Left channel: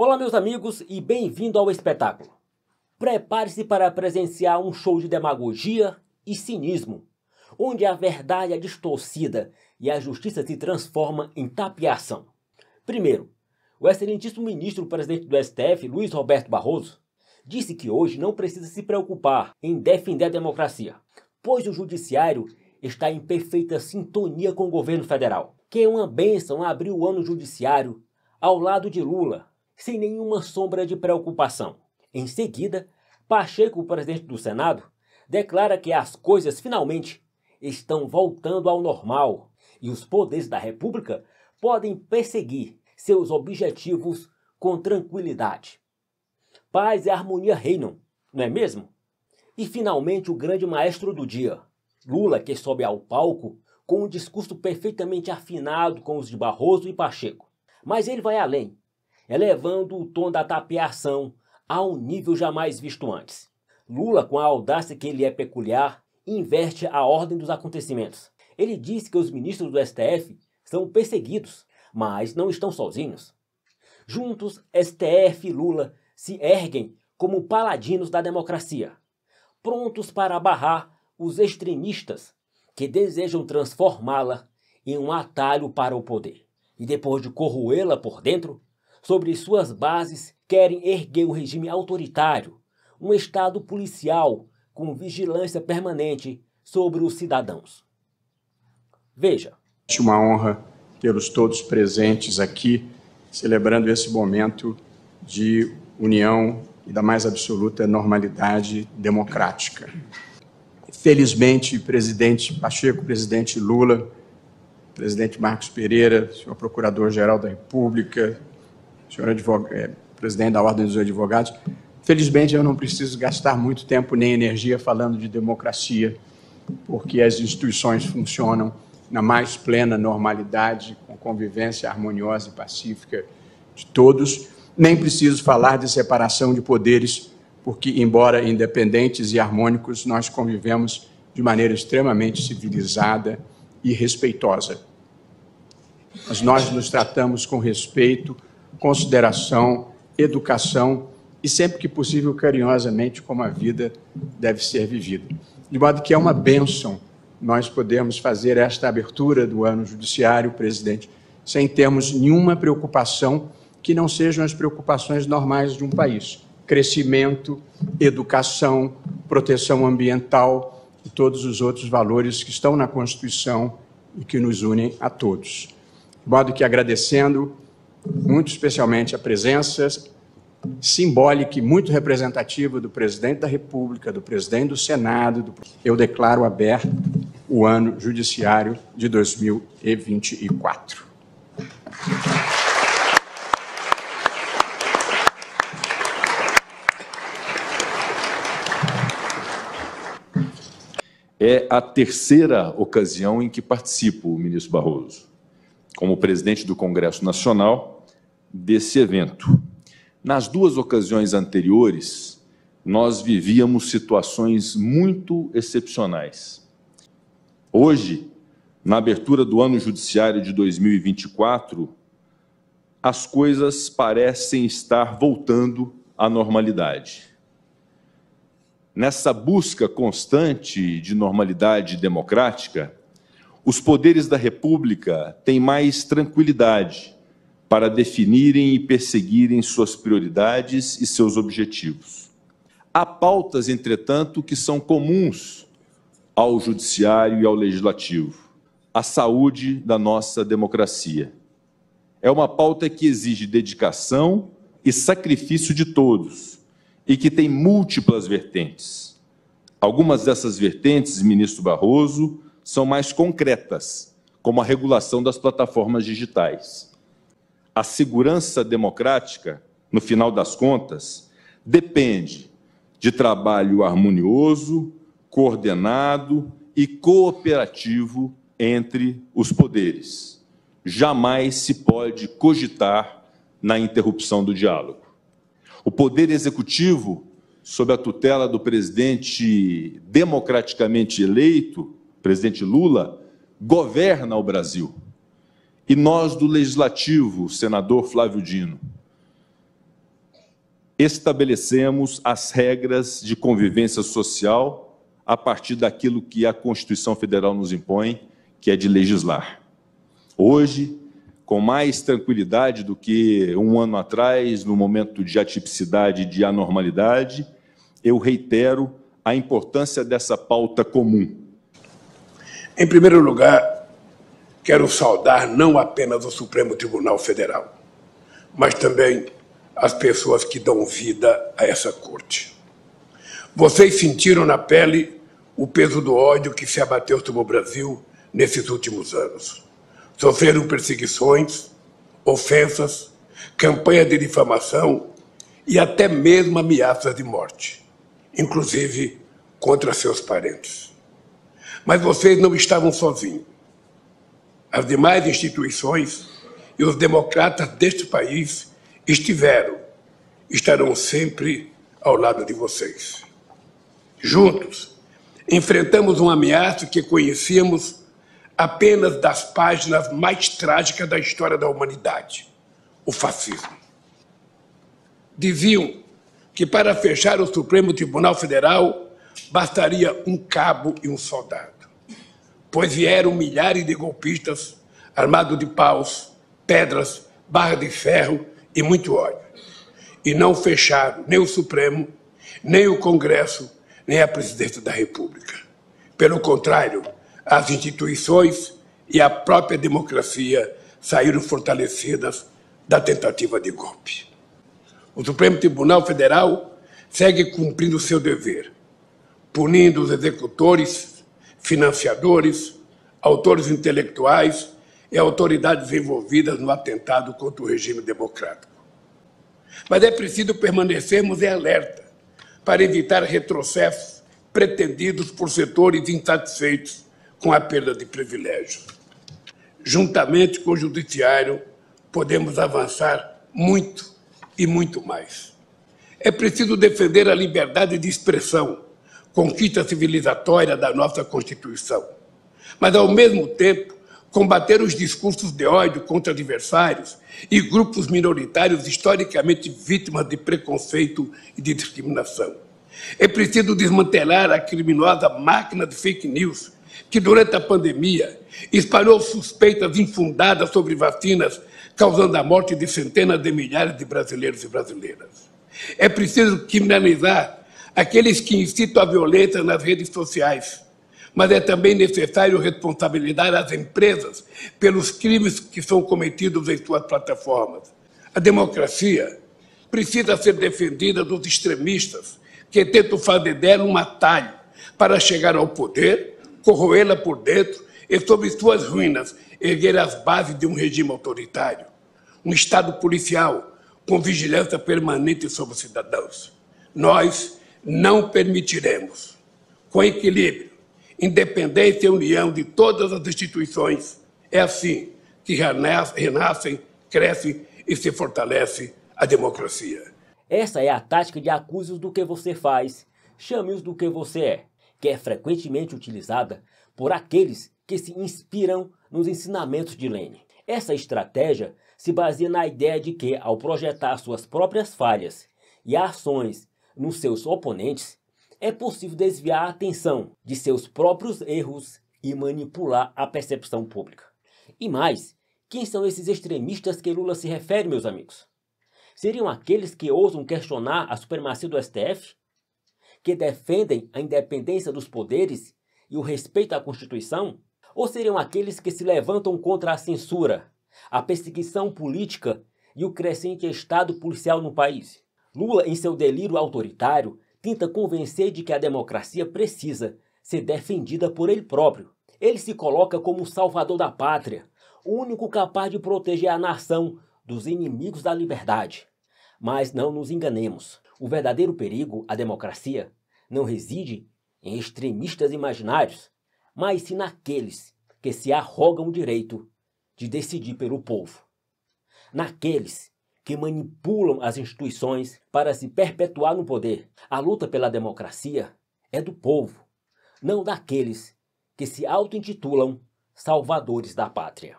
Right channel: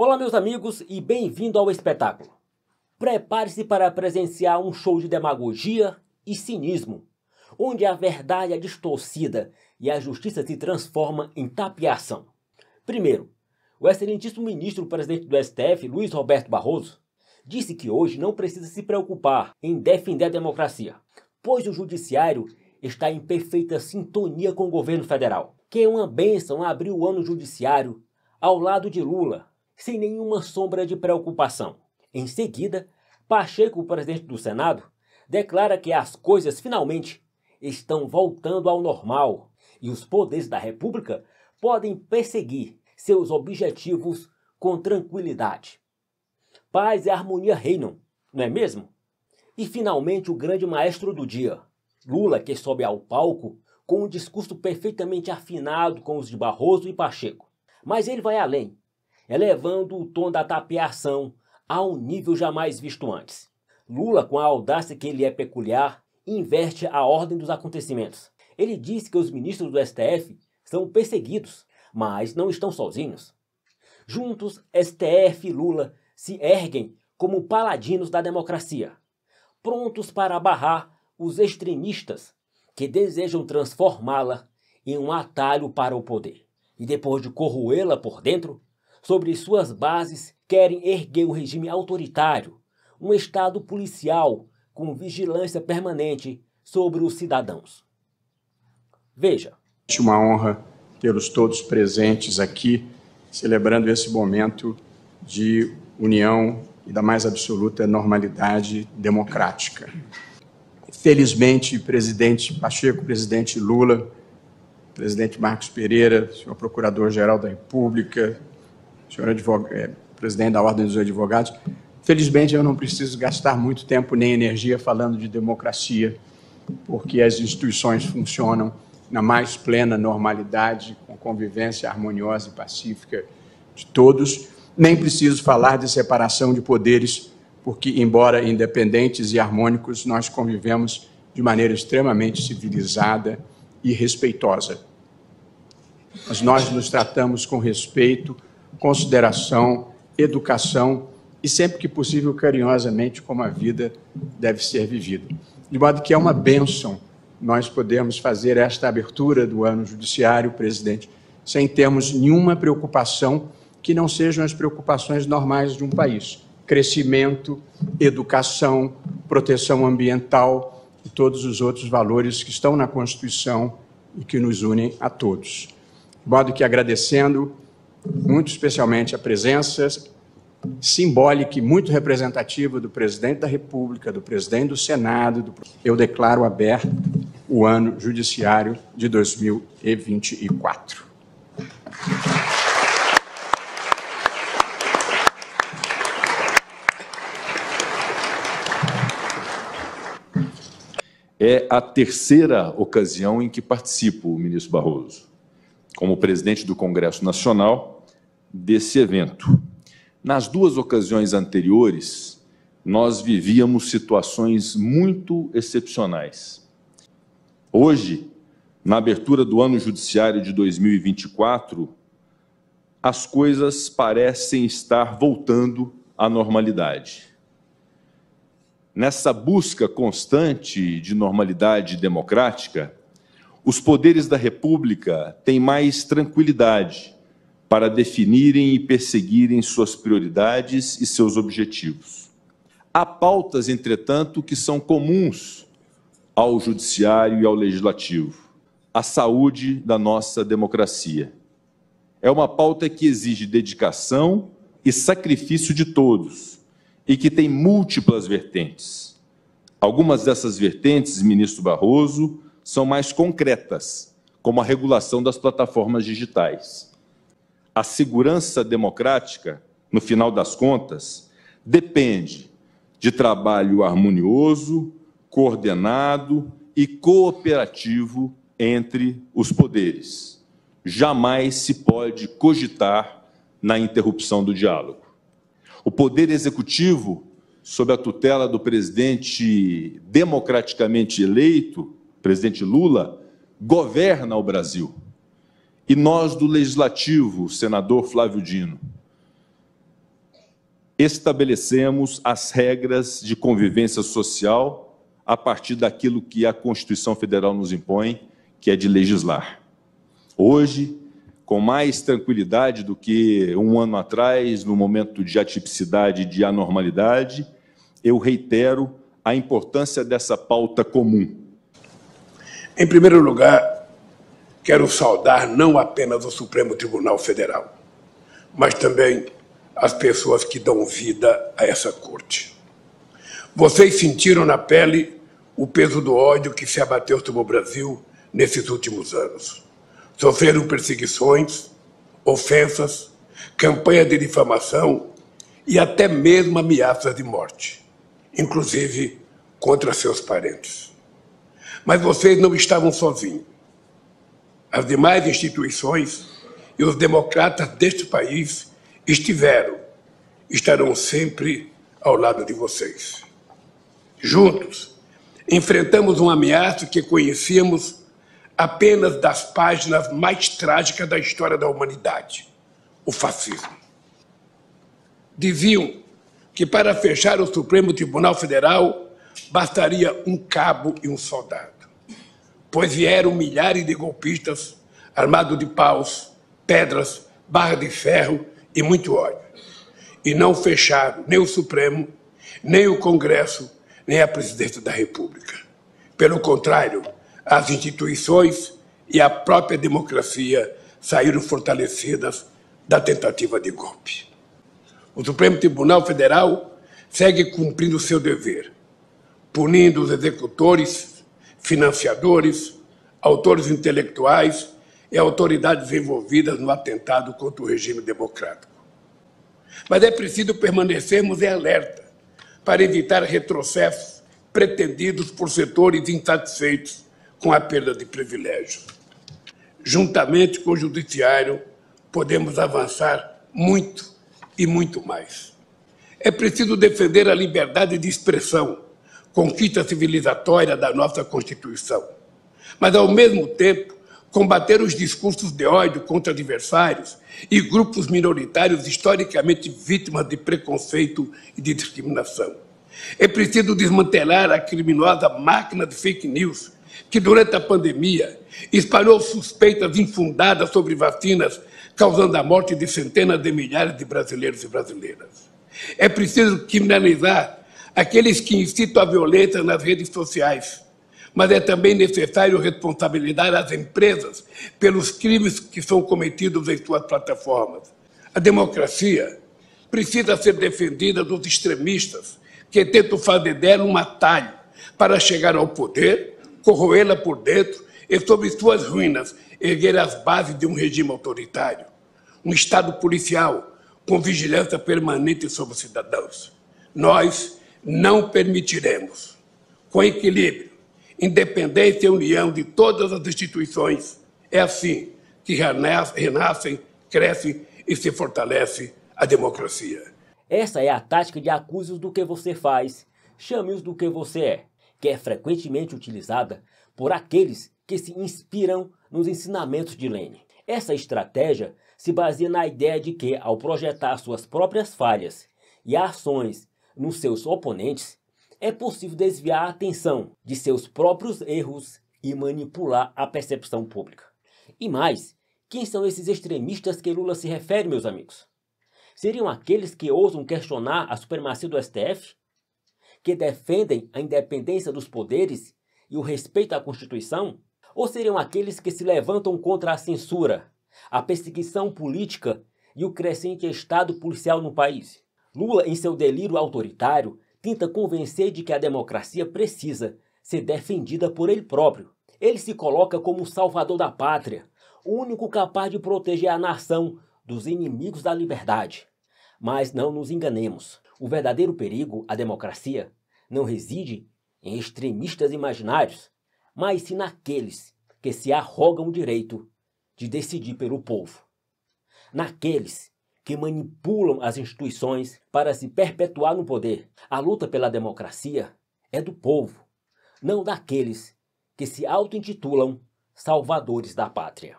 Olá, meus amigos, e bem-vindo ao espetáculo. Prepare-se para presenciar um show de demagogia e cinismo, onde a verdade é distorcida e a justiça se transforma em tapiação. Primeiro, o excelentíssimo ministro-presidente do STF, Luiz Roberto Barroso, disse que hoje não precisa se preocupar em defender a democracia, pois o judiciário está em perfeita sintonia com o governo federal. Que é uma bênção abrir o ano judiciário ao lado de Lula, sem nenhuma sombra de preocupação. Em seguida, Pacheco, o presidente do Senado, declara que as coisas finalmente estão voltando ao normal e os poderes da República podem perseguir seus objetivos com tranquilidade. Paz e harmonia reinam, não é mesmo? E finalmente o grande maestro do dia, Lula, que sobe ao palco com um discurso perfeitamente afinado com os de Barroso e Pacheco. Mas ele vai além, elevando o tom da tapiação a um nível jamais visto antes. Lula, com a audácia que lhe é peculiar, inverte a ordem dos acontecimentos. Ele diz que os ministros do STF são perseguidos, mas não estão sozinhos. Juntos, STF e Lula se erguem como paladinos da democracia, prontos para barrar os extremistas que desejam transformá-la em um atalho para o poder. E depois de corroê-la por dentro, sobre suas bases querem erguer um regime autoritário, um estado policial com vigilância permanente sobre os cidadãos. Veja. É uma honra tê-los todos presentes aqui, celebrando esse momento de união e da mais absoluta normalidade democrática. Felizmente, presidente Pacheco, presidente Lula, presidente Marcos Pereira, senhor Procurador-Geral da República, senhor presidente da Ordem dos Advogados, felizmente eu não preciso gastar muito tempo nem energia falando de democracia, porque as instituições funcionam na mais plena normalidade, com convivência harmoniosa e pacífica de todos. Nem preciso falar de separação de poderes, porque, embora independentes e harmônicos, nós convivemos de maneira extremamente civilizada e respeitosa. Mas nós nos tratamos com respeito, consideração, educação e, sempre que possível, carinhosamente, como a vida deve ser vivida. De modo que é uma bênção nós podermos fazer esta abertura do ano judiciário, presidente, sem termos nenhuma preocupação que não sejam as preocupações normais de um país. Crescimento, educação, proteção ambiental e todos os outros valores que estão na Constituição e que nos unem a todos. De modo que, agradecendo muito especialmente a presença simbólica e muito representativa do presidente da República, do presidente do Senado, eu declaro aberto o ano judiciário de 2024. É a terceira ocasião em que participo, ministro Barroso, como presidente do Congresso Nacional, desse evento. Nas duas ocasiões anteriores, nós vivíamos situações muito excepcionais. Hoje, na abertura do ano judiciário de 2024, as coisas parecem estar voltando à normalidade. Nessa busca constante de normalidade democrática, os poderes da República têm mais tranquilidade para definirem e perseguirem suas prioridades e seus objetivos. Há pautas, entretanto, que são comuns ao Judiciário e ao Legislativo: a saúde da nossa democracia. É uma pauta que exige dedicação e sacrifício de todos e que tem múltiplas vertentes. Algumas dessas vertentes, ministro Barroso, são mais concretas, como a regulação das plataformas digitais. A segurança democrática, no final das contas, depende de trabalho harmonioso, coordenado e cooperativo entre os poderes. Jamais se pode cogitar na interrupção do diálogo. O Poder Executivo, sob a tutela do presidente democraticamente eleito, presidente Lula, governa o Brasil. E nós, do Legislativo, senador Flávio Dino, estabelecemos as regras de convivência social a partir daquilo que a Constituição Federal nos impõe, que é de legislar. Hoje, com mais tranquilidade do que um ano atrás, no momento de atipicidade e de anormalidade, eu reitero a importância dessa pauta comum. Em primeiro lugar, quero saudar não apenas o Supremo Tribunal Federal, mas também as pessoas que dão vida a essa corte. Vocês sentiram na pele o peso do ódio que se abateu sobre o Brasil nesses últimos anos. Sofreram perseguições, ofensas, campanha de difamação e até mesmo ameaças de morte, inclusive contra seus parentes. Mas vocês não estavam sozinhos. As demais instituições e os democratas deste país estarão sempre ao lado de vocês. Juntos, enfrentamos uma ameaça que conhecíamos apenas das páginas mais trágicas da história da humanidade, o fascismo. Diziam que para fechar o Supremo Tribunal Federal bastaria um cabo e um soldado, pois vieram milhares de golpistas armados de paus, pedras, barras de ferro e muito ódio, e não fecharam nem o Supremo, nem o Congresso, nem a Presidência da República. Pelo contrário, as instituições e a própria democracia saíram fortalecidas da tentativa de golpe. O Supremo Tribunal Federal segue cumprindo seu dever, punindo os executores, financiadores, autores intelectuais e autoridades envolvidas no atentado contra o regime democrático. Mas é preciso permanecermos em alerta para evitar retrocessos pretendidos por setores insatisfeitos com a perda de privilégios. Juntamente com o Judiciário, podemos avançar muito e muito mais. É preciso defender a liberdade de expressão, conquista civilizatória da nossa Constituição, mas, ao mesmo tempo, combater os discursos de ódio contra adversários e grupos minoritários historicamente vítimas de preconceito e de discriminação. É preciso desmantelar a criminosa máquina de fake news que, durante a pandemia, espalhou suspeitas infundadas sobre vacinas, causando a morte de centenas de milhares de brasileiros e brasileiras. É preciso criminalizar aqueles que incitam a violência nas redes sociais, mas é também necessário responsabilizar as empresas pelos crimes que são cometidos em suas plataformas. A democracia precisa ser defendida dos extremistas que tentam fazer dela um atalho para chegar ao poder, corroê-la por dentro e, sobre suas ruínas, erguer as bases de um regime autoritário, um Estado policial com vigilância permanente sobre os cidadãos. Nós não permitiremos, com equilíbrio, independência e união de todas as instituições. É assim que renascem, cresce e se fortalece a democracia. Essa é a tática de acuse-os do que você faz, chame-os do que você é, que é frequentemente utilizada por aqueles que se inspiram nos ensinamentos de Lênin. Essa estratégia se baseia na ideia de que, ao projetar suas próprias falhas e ações nos seus oponentes, é possível desviar a atenção de seus próprios erros e manipular a percepção pública. E mais, quem são esses extremistas que Lula se refere, meus amigos? Seriam aqueles que ousam questionar a supremacia do STF? Que defendem a independência dos poderes e o respeito à Constituição? Ou seriam aqueles que se levantam contra a censura, a perseguição política e o crescente estado policial no país? Lula, em seu delírio autoritário, tenta convencer de que a democracia precisa ser defendida por ele próprio. Ele se coloca como o salvador da pátria, o único capaz de proteger a nação dos inimigos da liberdade. Mas não nos enganemos. O verdadeiro perigo à democracia não reside em extremistas imaginários, mas sim naqueles que se arrogam o direito de decidir pelo povo. Naqueles que manipulam as instituições para se perpetuar no poder. A luta pela democracia é do povo, não daqueles que se auto-intitulam salvadores da pátria.